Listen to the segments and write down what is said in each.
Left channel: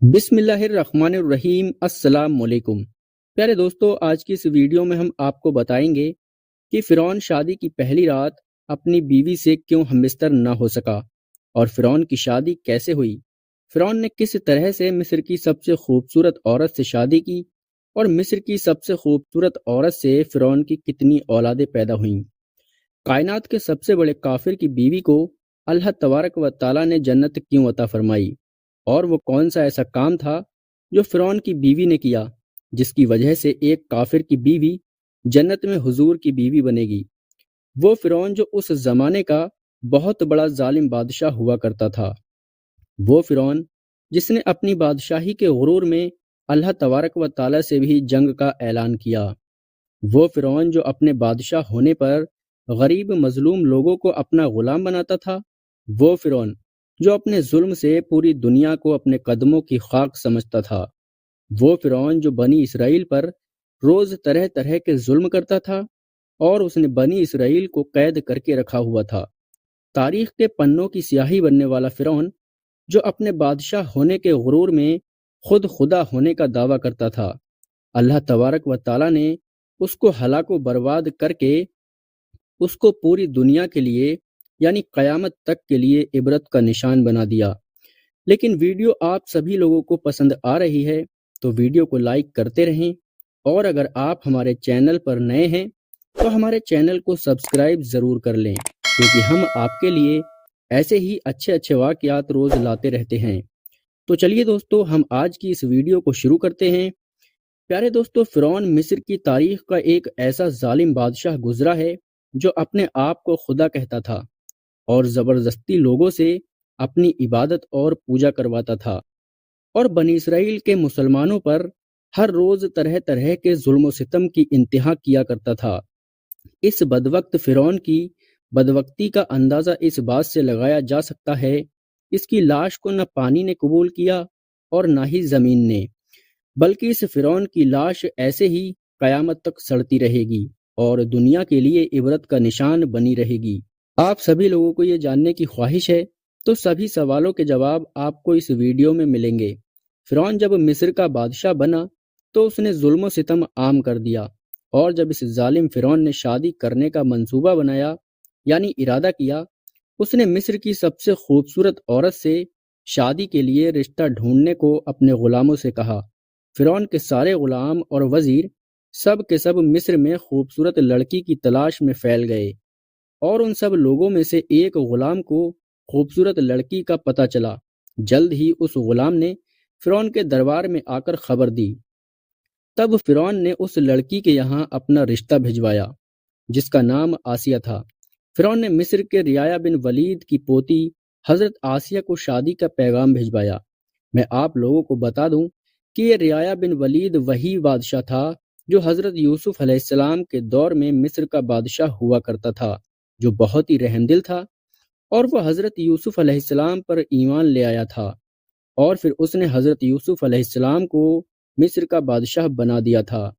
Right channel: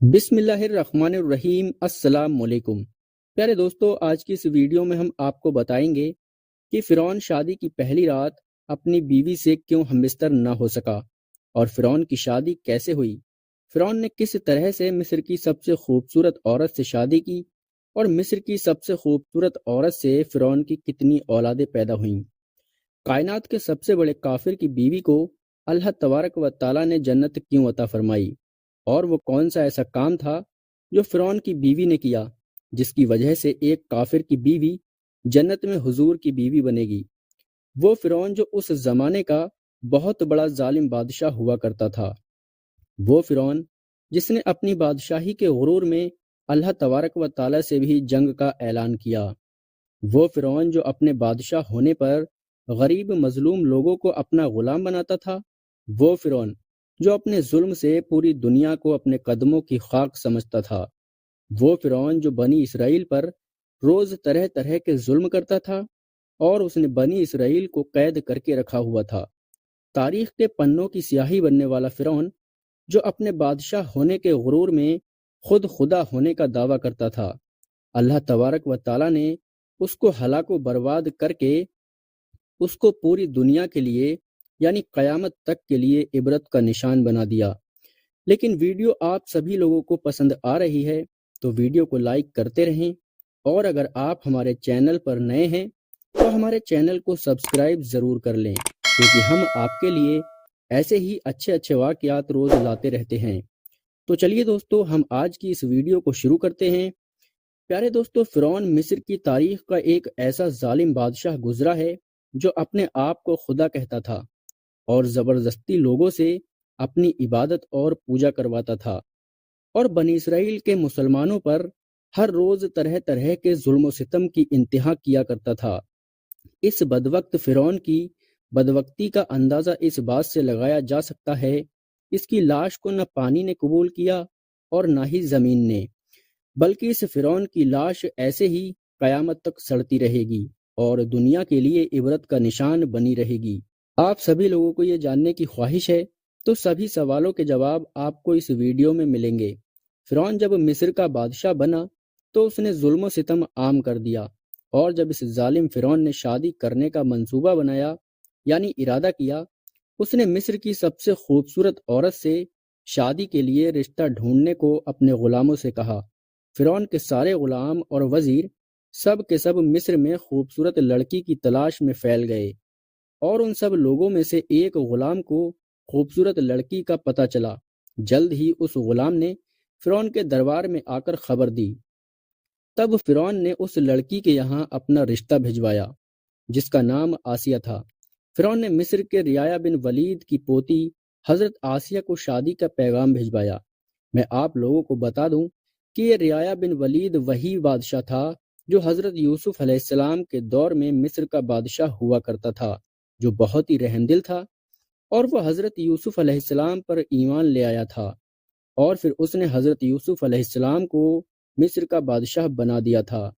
بسم اللہ الرحمن الرحیم۔ السلام علیکم پیارے دوستو، آج کی اس ویڈیو میں ہم آپ کو بتائیں گے کہ فرعون شادی کی پہلی رات اپنی بیوی سے کیوں ہمبستر نہ ہو سکا اور فرعون کی شادی کیسے ہوئی۔ فرعون نے کس طرح سے مصر کی سب سے خوبصورت عورت سے شادی کی اور مصر کی سب سے خوبصورت عورت سے فرعون کی کتنی اولادیں پیدا ہوئیں۔ کائنات کے سب سے بڑے کافر کی بیوی کو اللہ تبارک و تعالیٰ نے جنت کیوں عطا فرمائی، اور وہ کون سا ایسا کام تھا جو فرعون کی بیوی نے کیا جس کی وجہ سے ایک کافر کی بیوی جنت میں حضور کی بیوی بنے گی۔ وہ فرعون جو اس زمانے کا بہت بڑا ظالم بادشاہ ہوا کرتا تھا، وہ فرعون جس نے اپنی بادشاہی کے غرور میں اللہ تبارک و تعالیٰ سے بھی جنگ کا اعلان کیا، وہ فرعون جو اپنے بادشاہ ہونے پر غریب مظلوم لوگوں کو اپنا غلام بناتا تھا، وہ فرعون جو اپنے ظلم سے پوری دنیا کو اپنے قدموں کی خاک سمجھتا تھا، وہ فرعون جو بنی اسرائیل پر روز طرح طرح کے ظلم کرتا تھا اور اس نے بنی اسرائیل کو قید کر کے رکھا ہوا تھا، تاریخ کے پنوں کی سیاہی بننے والا فرعون جو اپنے بادشاہ ہونے کے غرور میں خود خدا ہونے کا دعویٰ کرتا تھا۔ اللہ تبارک و تعالیٰ نے اس کو ہلاک و برباد کر کے اس کو پوری دنیا کے لیے یعنی قیامت تک کے لیے عبرت کا نشان بنا دیا۔ لیکن ویڈیو آپ سبھی لوگوں کو پسند آ رہی ہے تو ویڈیو کو لائک کرتے رہیں، اور اگر آپ ہمارے چینل پر نئے ہیں تو ہمارے چینل کو سبسکرائب ضرور کر لیں، کیونکہ ہم آپ کے لیے ایسے ہی اچھے اچھے واقعات روز لاتے رہتے ہیں۔ تو چلیے دوستو، ہم آج کی اس ویڈیو کو شروع کرتے ہیں۔ پیارے دوستو، فرعون مصر کی تاریخ کا ایک ایسا ظالم بادشاہ گزرا ہے جو اپنے آپ کو خدا کہتا تھا اور زبردستی لوگوں سے اپنی عبادت اور پوجا کرواتا تھا، اور بنی اسرائیل کے مسلمانوں پر ہر روز طرح طرح کے ظلم و ستم کی انتہا کیا کرتا تھا۔ اس بدوقت فرعون کی بدبختی کا اندازہ اس بات سے لگایا جا سکتا ہے، اس کی لاش کو نہ پانی نے قبول کیا اور نہ ہی زمین نے، بلکہ اس فرعون کی لاش ایسے ہی قیامت تک سڑتی رہے گی اور دنیا کے لیے عبرت کا نشان بنی رہے گی۔ آپ سبھی لوگوں کو یہ جاننے کی خواہش ہے تو سبھی سوالوں کے جواب آپ کو اس ویڈیو میں ملیں گے۔ فرعون جب مصر کا بادشاہ بنا تو اس نے ظلم و ستم عام کر دیا، اور جب اس ظالم فرعون نے شادی کرنے کا منصوبہ بنایا یعنی ارادہ کیا، اس نے مصر کی سب سے خوبصورت عورت سے شادی کے لیے رشتہ ڈھونڈنے کو اپنے غلاموں سے کہا۔ فرعون کے سارے غلام اور وزیر سب کے سب مصر میں خوبصورت لڑکی کی تلاش میں پھیل گئے، اور ان سب لوگوں میں سے ایک غلام کو خوبصورت لڑکی کا پتہ چلا۔ جلد ہی اس غلام نے فرعون کے دربار میں آ کر خبر دی۔ تب فرعون نے اس لڑکی کے یہاں اپنا رشتہ بھجوایا جس کا نام آسیہ تھا۔ فرعون نے مصر کے رعایا بن ولید کی پوتی حضرت آسیہ کو شادی کا پیغام بھجوایا۔ میں آپ لوگوں کو بتا دوں کہ یہ رعایا بن ولید وہی بادشاہ تھا جو حضرت یوسف علیہ السلام کے دور میں مصر کا بادشاہ ہوا کرتا تھا، جو بہت ہی رحم دل تھا، اور وہ حضرت یوسف علیہ السلام پر ایمان لے آیا تھا، اور پھر اس نے حضرت یوسف علیہ السلام کو مصر کا بادشاہ بنا دیا تھا۔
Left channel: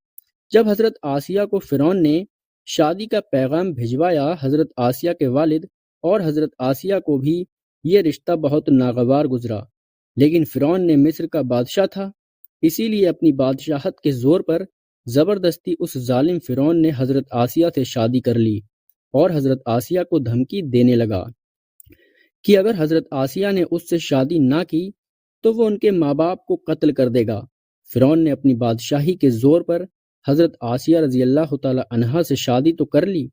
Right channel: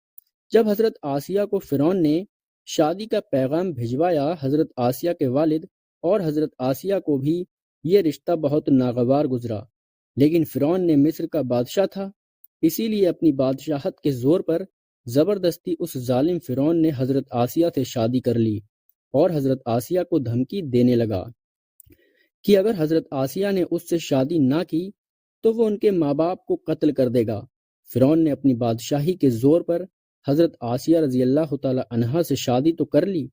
جب حضرت آسیہ کو فرعون نے شادی کا پیغام بھجوایا، حضرت آسیہ کے والد اور حضرت آسیہ کو بھی یہ رشتہ بہت ناگوار گزرا، لیکن فرعون نے مصر کا بادشاہ تھا، اسی لیے اپنی بادشاہت کے زور پر زبردستی اس ظالم فرعون نے حضرت آسیہ سے شادی کر لی، اور حضرت آسیہ کو دھمکی دینے لگا کہ اگر حضرت آسیہ نے اس سے شادی نہ کی تو وہ ان کے ماں باپ کو قتل کر دے گا۔ فرعون نے اپنی بادشاہی کے زور پر حضرت آسیہ رضی اللہ تعالی عنہا سے شادی تو کر لی،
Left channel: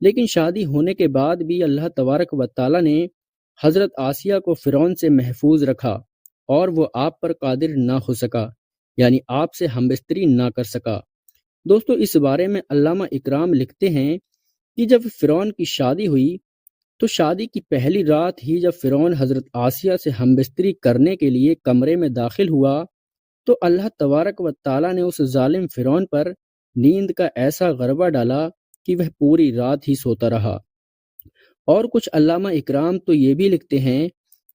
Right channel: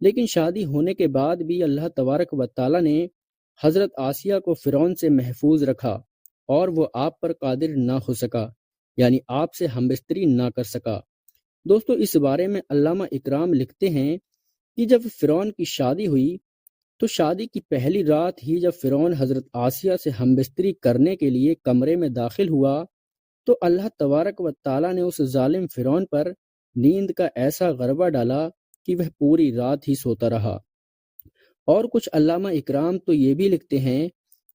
لیکن شادی ہونے کے بعد بھی اللہ تبارک و تعالی نے حضرت آسیہ کو فرعون سے محفوظ رکھا، اور وہ آپ پر قادر نہ ہو سکا، یعنی آپ سے ہمبستری نہ کر سکا۔ دوستو، اس بارے میں علامہ اکرام لکھتے ہیں کہ جب فرعون کی شادی ہوئی تو شادی کی پہلی رات ہی جب فرعون حضرت آسیہ سے ہمبستری کرنے کے لیے کمرے میں داخل ہوا تو اللہ تبارک و تعالیٰ نے اس ظالم فرعون پر نیند کا ایسا غربہ ڈالا کہ وہ پوری رات ہی سوتا رہا۔ اور کچھ علامہ اکرام تو یہ بھی لکھتے ہیں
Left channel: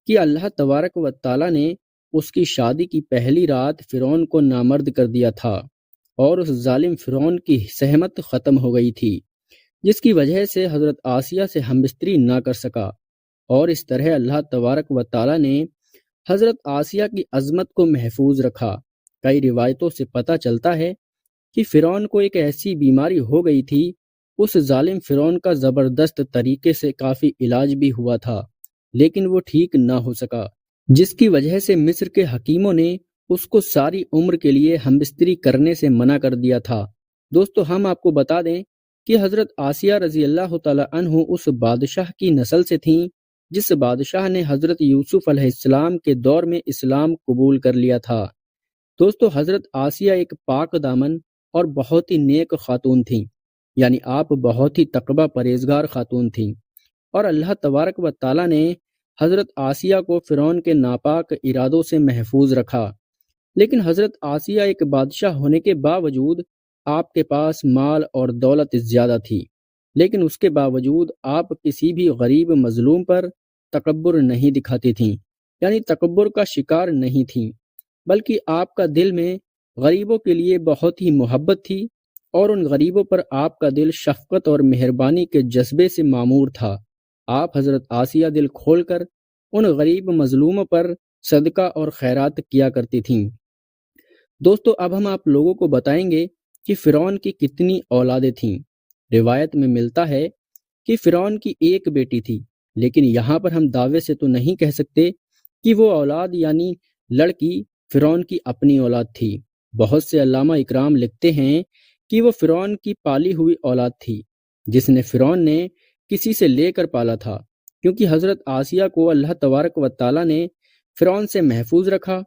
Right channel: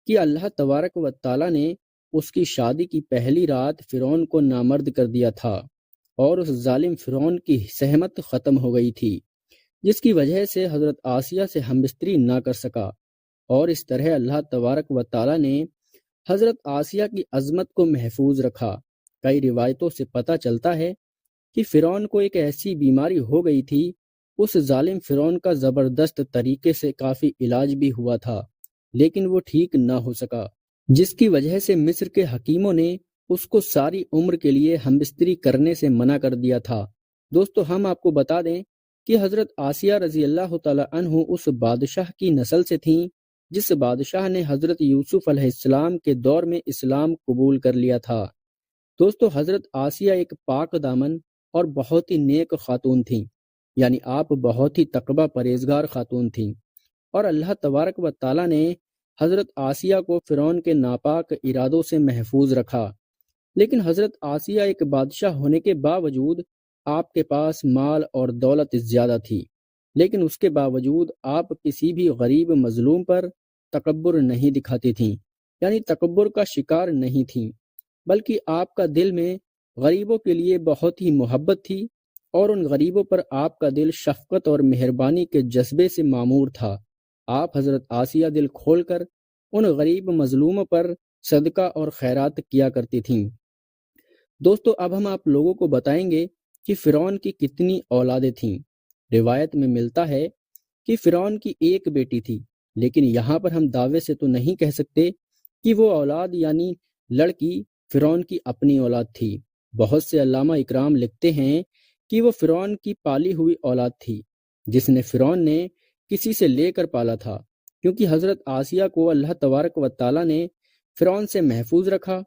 کہ اللہ تبارک و تعالیٰ نے اس کی شادی کی پہلی رات فرعون کو نامرد کر دیا تھا، اور اس ظالم فرعون کی سہمت ختم ہو گئی تھی، جس کی وجہ سے حضرت آسیہ سے ہمبستری نہ کر سکا، اور اس طرح اللہ تبارک و تعالیٰ نے حضرت آسیہ کی عظمت کو محفوظ رکھا۔ کئی روایتوں سے پتہ چلتا ہے کہ فرعون کو ایک ایسی بیماری ہو گئی تھی، اس ظالم فرعون کا زبردست طریقے سے کافی علاج بھی ہوا تھا، لیکن وہ ٹھیک نہ ہو سکا، جس کی وجہ سے مصر کے حکیموں نے اس کو ساری عمر کے لیے ہم بستری کرنے سے منع کر دیا تھا۔ دوستو، ہم آپ کو بتا دیں کہ حضرت آسیہ رضی اللہ تعالی عنہ اس بادشاہ کی نسل سے تھیں جس بادشاہ نے حضرت یوسف علیہ السلام کے دور میں اسلام قبول کر لیا تھا۔ دوستو، حضرت آسیہ ایک پاک دامن اور بہت ہی نیک خاتون تھیں، یعنی آپ بہت ہی تقوی پرہیزگار خاتون تھیں، اور اللہ تبارک و تعالیٰ نے حضرت آسیہ کو فرعون کے ناپاک ارادوں سے محفوظ رکھا۔ لیکن حضرت آسیہ ایک بادشاہ ہونے کے باوجود آپ کے پاس مال اور دولت زیادہ تھی، لیکن اس کے باوجود آپ کسی بھی غریب مظلوم پر تکبر نہیں دکھاتی تھیں، یعنی تکبر کا شکار نہیں تھیں، بلکہ آپ کا دل میں غریبوں کے لیے بہت ہی محبت تھی، اور ان غریبوں پر آپ کا دل شفقت اور مہربانی کے جذبے سے معمور تھا۔ آپ حضرت آسیہ دل کھول کر ان غریب مظلوموں پر صدقہ اور خیرات کیا کرتی تھیں۔ دوستو، اب ہم آپ لوگوں کو بتائیں گے کہ فرعون کی کتنی اولادیں تھیں۔ روایت میں ملتا ہے کہ فرعون کی ایک بیٹی تھی، لیکن یہاں پر ہم دعوے سے تو نہیں کہہ سکتے کہ وہ اولاد یعنی لڑکی فرعون کی اپنی اولاد تھی۔ بہت سے علامہ اکرام لکھتے ہیں کہ وہ فرعون کی پالی ہوئی اولاد تھی، جس نے فرعون نے کسی سے لے کر پالا تھا، کیونکہ حضرت آسیہ کو اللہ تبارک و تعالیٰ نے فرعون سے محفوظ رکھا،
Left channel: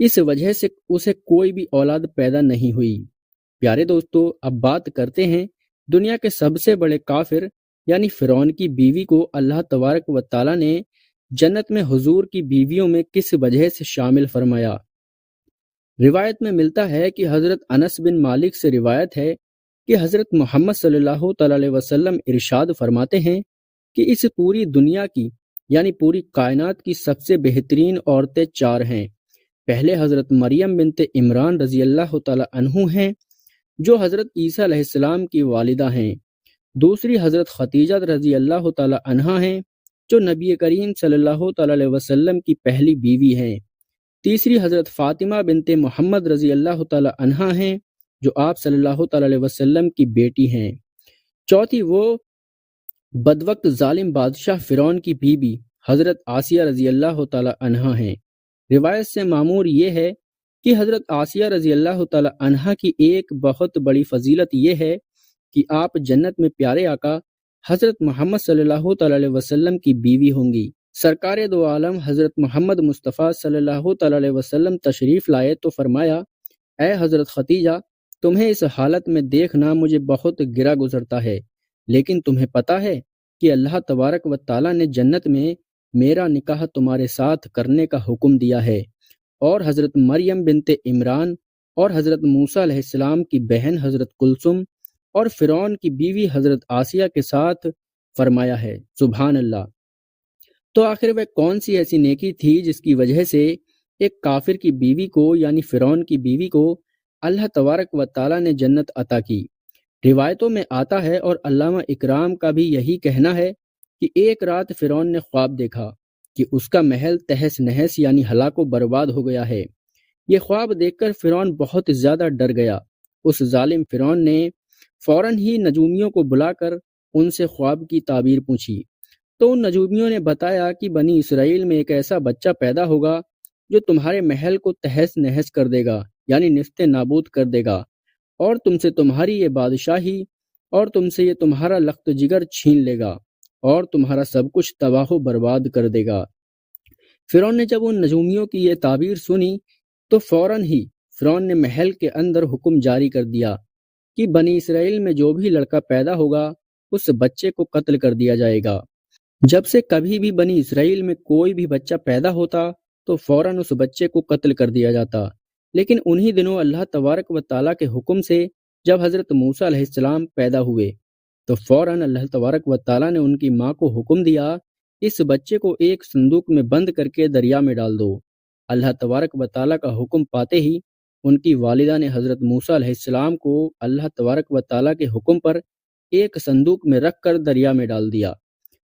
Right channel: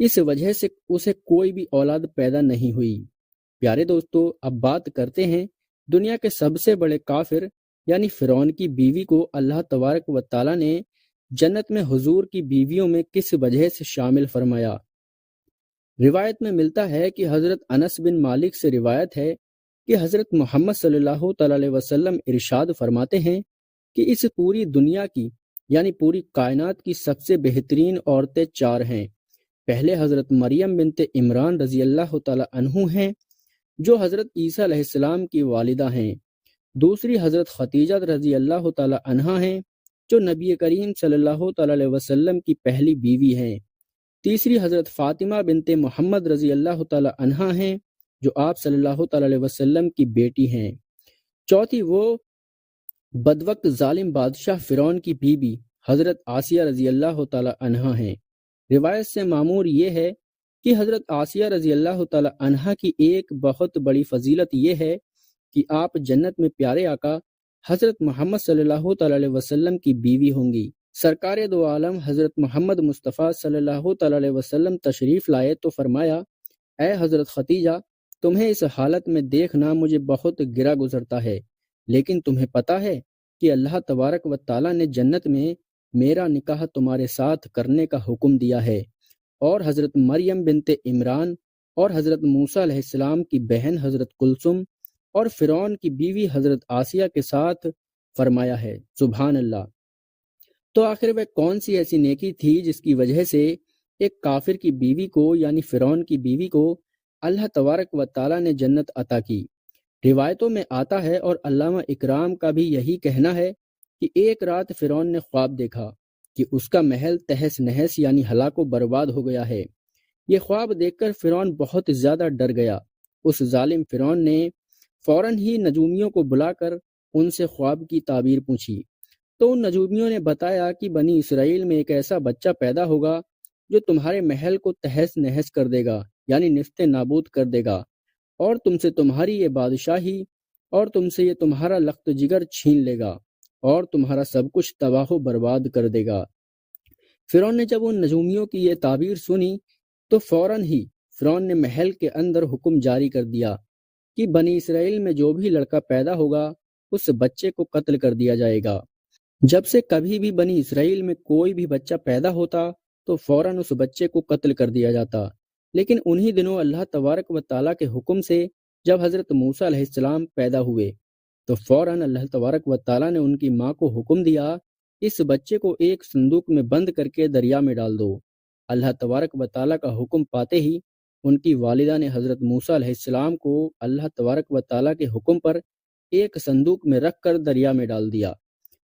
اس وجہ سے اسے کوئی بھی اولاد پیدا نہیں ہوئی۔ پیارے دوستو، اب بات کرتے ہیں دنیا کے سب سے بڑے کافر یعنی فرعون کی بیوی کو اللہ تبارک و تعالیٰ نے جنت میں حضور کی بیویوں میں کس وجہ سے شامل فرمایا۔ روایت میں ملتا ہے کہ حضرت انس بن مالک سے روایت ہے کہ حضرت محمد صلی اللہ تعالی علیہ وسلم ارشاد فرماتے ہیں کہ اس پوری دنیا کی یعنی پوری کائنات کی سب سے بہترین عورتیں چار ہیں۔ پہلے حضرت مریم بنت عمران رضی اللہ تعالی عنہ ہیں، جو حضرت عیسیٰ علیہ السلام کی والدہ ہیں۔ دوسری حضرت خدیجہ رضی اللہ تعالی عنہا ہیں، جو نبی کریم صلی اللہ تعالی علیہ وسلم کی پہلی بیوی ہیں۔ تیسری حضرت فاطمہ بنت محمد رضی اللہ تعالی عنہا ہیں، جو آپ صلی اللہ تعالی علیہ وسلم کی بیٹی ہیں۔ چوتھی وہ بدوقت ظالم بادشاہ فرعون کی بیوی حضرت آسیہ رضی اللہ تعالی عنہا ہیں۔ روایت سے معمور یہ ہے کہ حضرت آسیہ رضی اللہ تعالی عنہا کی ایک بہت بڑی فضیلت یہ ہے کہ آپ جنت میں پیارے آقا حضرت محمد صلی اللہ تعالی علیہ وسلم کی بیوی ہوں گی۔ سرکار دو عالم حضرت محمد مصطفیٰ صلی اللہ تعالی علیہ وسلم تشریف لائے تو فرمایا، اے حضرت خدیجہ، تمہیں اس حالت میں دیکھنا مجھے بہت گرا گزرتا ہے، لیکن تمہیں پتہ ہے کہ اللہ تبارک و تعالیٰ نے جنت میں میرا نکاح تمہارے ساتھ کرنے کا حکم دیا ہے، اور حضرت مریم بنت عمران اور حضرت موسیٰ علیہ السلام کی بہن حضرت کلثوم اور فرعون کی بیوی حضرت آسیہ کے ساتھ فرمایا ہے۔ سبحان اللہ۔ تو آخر وہ کون سی ایسی نیکی تھی جس کی وجہ سے ایک کافر کی بیوی کو یعنی فرعون کی بیوی کو اللہ تبارک و تعالیٰ نے جنت عطا کی؟ روایتوں میں آتا ہے، اور علامہ اکرام کا بھی یہی کہنا ہے، کہ ایک رات فرعون نے خواب دیکھا کہ اس کا محل تہس نہس یعنی ہلاک و برباد ہو گیا ہے۔ یہ خواب دیکھ کر فرعون بہت زیادہ ڈر گیا۔ اس ظالم فرعون نے فوراً ہی نجومیوں کو بلا کر ان سے خواب کی تعبیر پوچھی، تو ان نجومیوں نے بتایا کہ بنی اسرائیل میں ایک ایسا بچہ پیدا ہوگا جو تمہارے محل کو تہس نہس کر دے گا، یعنی نیست نابود کر دے گا، اور تم سے تمہاری یہ بادشاہی اور تم سے یہ تمہارا لخت جگر چھین لے گا، اور تمہارا سب کچھ تباہ و برباد کر دے گا۔ فرعون نے جب ان نجومیوں کی یہ تعبیر سنی تو فوراً ہی فرعون نے محل کے اندر حکم جاری کر دیا کہ بنی اسرائیل میں جو بھی لڑکا پیدا ہوگا اس بچے کو قتل کر دیا جائے گا۔ جب سے کبھی بھی بنی اسرائیل میں کوئی بھی بچہ پیدا ہوتا تو فوراً اس بچے کو قتل کر دیا جاتا۔ لیکن انہی دنوں اللہ تبارک و تعالیٰ کے حکم سے جب حضرت موسیٰ علیہ السلام پیدا ہوئے تو فوراً اللہ تبارک و تعالیٰ نے ان کی ماں کو حکم دیا، اس بچے کو ایک صندوق میں بند کر کے دریا میں ڈال دو۔ اللہ تبارک و تعالیٰ کا حکم پاتے ہی ان کی والدہ نے حضرت موسیٰ علیہ السلام کو اللہ تبارک و تعالیٰ کے حکم پر ایک صندوق میں رکھ کر دریا میں ڈال دیا۔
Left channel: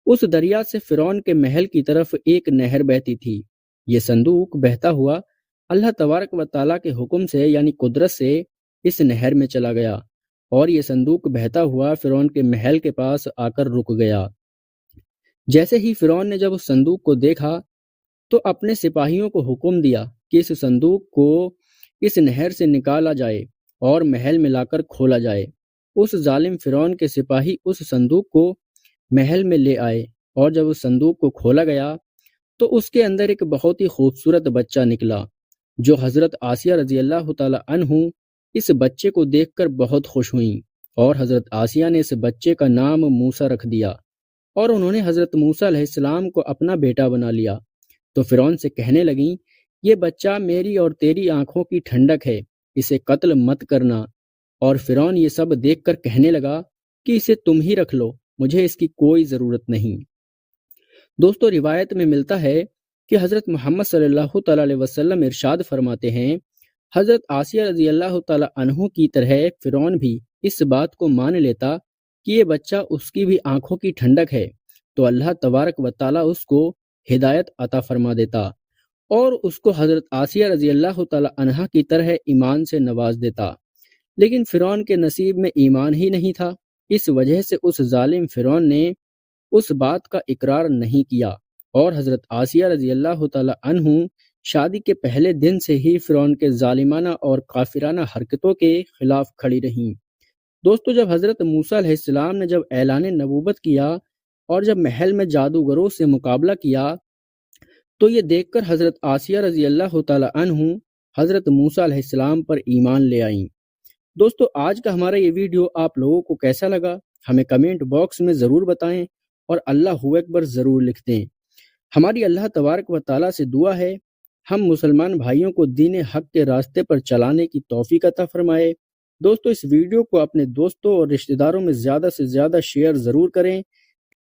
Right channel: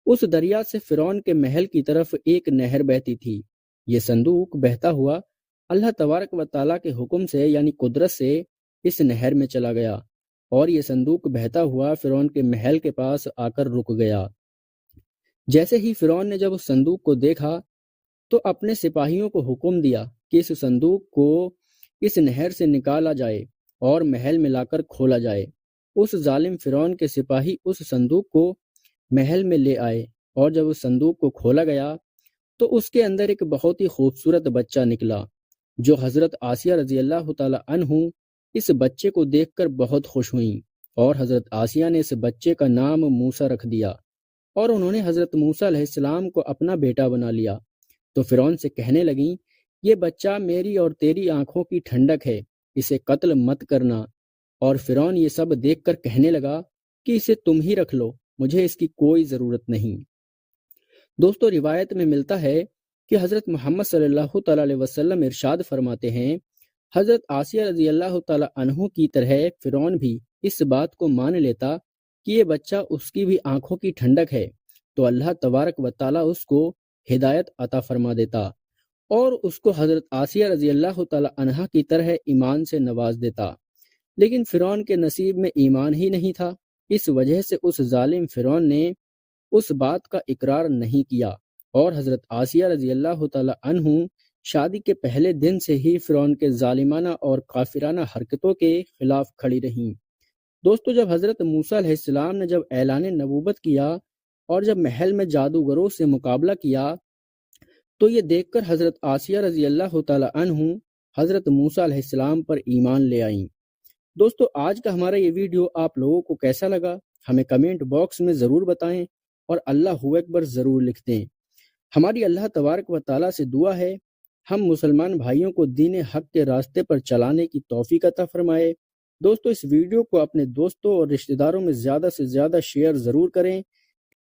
اس دریا سے فرعون کے محل کی طرف ایک نہر بہتی تھی، یہ صندوق بہتا ہوا اللہ تبارک و تعالیٰ کے حکم سے یعنی قدرت سے اس نہر میں چلا گیا، اور یہ صندوق بہتا ہوا فرعون کے محل کے پاس آ کر رک گیا۔ جیسے ہی فرعون نے جب اس صندوق کو دیکھا تو اپنے سپاہیوں کو حکم دیا کہ اس صندوق کو اس نہر سے نکالا جائے اور محل میں لا کر کھولا جائے۔ اس ظالم فرعون کے سپاہی اس صندوق کو محل میں لے آئے، اور جب اس صندوق کو کھولا گیا تو اس کے اندر ایک بہت ہی خوبصورت بچہ نکلا، جو حضرت آسیہ رضی اللہ تعالی عنہ اس بچے کو دیکھ کر بہت خوش ہوئیں، اور حضرت آسیہ نے اس بچے کا نام موسیٰ رکھ دیا، اور انہوں نے حضرت موسیٰ علیہ السلام کو اپنا بیٹا بنا لیا۔ تو فرعون سے کہنے لگیں، یہ بچہ میری اور تیری آنکھوں کی ٹھنڈک ہے، اسے قتل مت کرنا۔ اور فرعون یہ سب دیکھ کر کہنے لگا کہ اسے تم ہی رکھ لو، مجھے اس کی کوئی ضرورت نہیں۔ دوستو، روایت میں ملتا ہے کہ حضرت محمد صلی اللہ تعالی علیہ وسلم ارشاد فرماتے ہیں، حضرت آسیہ رضی اللہ تعالی عنہ کی طرح فرعون بھی اس بات کو مان لیتا کہ یہ بچہ اس کی بھی آنکھوں کی ٹھنڈک ہے، تو اللہ تبارک و تعالی اس کو ہدایت عطا فرما دیتا اور اس کو حضرت آسیہ رضی اللہ تعالی عنہ کی طرح ایمان سے نواز دیتا۔ لیکن فرعون کے نصیب میں ایمان ہی نہیں تھا، اس وجہ سے اس ظالم فرعون نے اس بات کا اقرار نہیں کیا، اور حضرت آسیہ رضی اللہ تعالی عنہ شادی کے پہلے دن سے ہی فرعون کے ظالمانہ اور کافرانہ حرکتوں کے خلاف کھڑی رہیں۔ دوستو، جب حضرت موسیٰ علیہ السلام نے جب اعلان نبوت کیا اور جب محل میں جادوگروں سے مقابلہ کیا تو یہ دیکھ کر حضرت آسیہ رضی اللہ تعالی عنہ حضرت موسیٰ علیہ السلام پر ایمان لے آئیں۔ دوستو، آج کا ہمارا یہ ویڈیو آپ لوگوں کو کیسا لگا ہمیں کمنٹ باکس میں ضرور بتائیں، اور اللہ اکبر ضرور لکھ دیں۔ ہماری اللہ تبارک و تعالیٰ سے دعا ہے ہم مسلمان بھائیوں کو دین حق کے راستے پر چلانے کی توفیق عطا فرمائے۔ دوستو، اس ویڈیو کو اپنے دوستوں اور رشتہ داروں میں زیادہ سے زیادہ شیئر ضرور کریں